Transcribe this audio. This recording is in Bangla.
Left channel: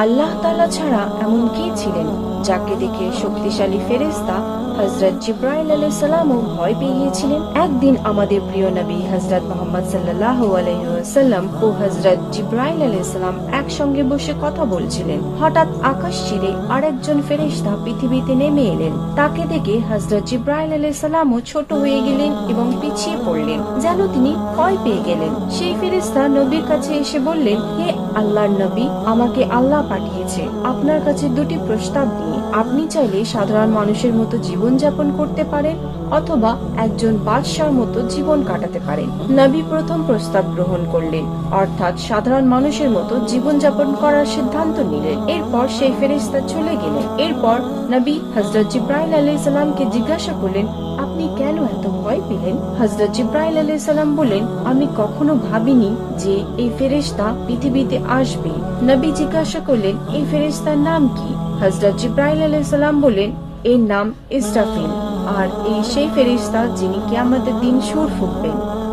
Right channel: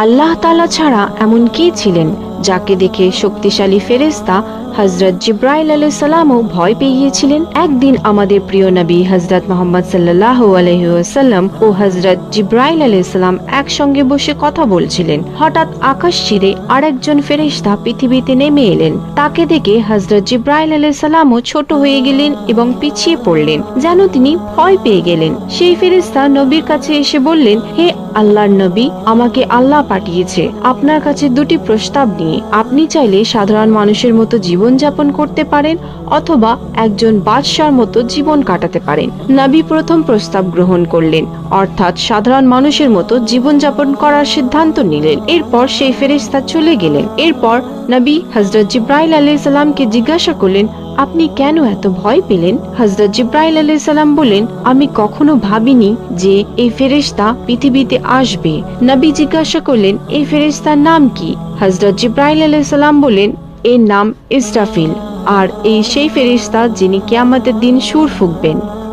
আল্লাহ তালা ছাড়া এমন কি ছিলেন? যাকে দেখে শক্তিশালী ফেরেস্তা হজরত জিব্রাইল আলাই সালামও ভয় পেয়ে গিয়েছিলেন একদিন আমাদের প্রিয় নবী হজরত মোহাম্মদ সাল্লাহ আলহিউসাল্লাম ও হজরত জিব্রাইল আলাই সালাম একসঙ্গে বসে কথা বলছিলেন। হঠাৎ আকাশ চিরে আরেকজন ফেরেস্তা পৃথিবীতে নেমে এলেন। তাকে দেখে হজরত জিব্রাইল আলাই সালামও ছোট হয়ে গেলেন এবং পিছিয়ে পড়লেন, যেন তিনি ভয় পেয়ে গেলেন। সেই ফেরেস্তা নবীর কাছে এসে বললেন, হে আল্লাহর নবী, আমাকে আল্লাহ পাঠিয়েছে। আপনার কাছে দুটি প্রস্তাব নিয়ে আপনি চাইলে সাধারণ মানুষের মতো জীবন যাপন করতে পারেন অথবা একজন বাদশার মতো জীবন কাটাতে পারেন। নবী প্রথম প্রস্তাব গ্রহণ করলেন, অর্থাৎ সাধারণ মানুষের মতো জীবন যাপন করার সিদ্ধান্ত নিলেন। এরপর সেই ফেরেস্তা চলে গেলেন। এরপর নবী হজরত জিব্রাইল আলাইসাল্লামকে জিজ্ঞাসা করলেন আপনি কেন এত ভয় পেলেন? হজরত জিব্রাইল আলাইহিস সালাম বলেন আমি কখনো ভাবিনি যে এই ফেরেস্তা পৃথিবীতে আসবে। নবী জিজ্ঞাসা করলেন, এই ফেরেস্তার নাম কি? হজরত জিব্রাইল আলাইহিস সালাম বলেন এর নাম ইসরাফিল। আর এই সেই ফেরিস্তা যিনি কেয়ামতের দিন সুর ফুঁকবেন।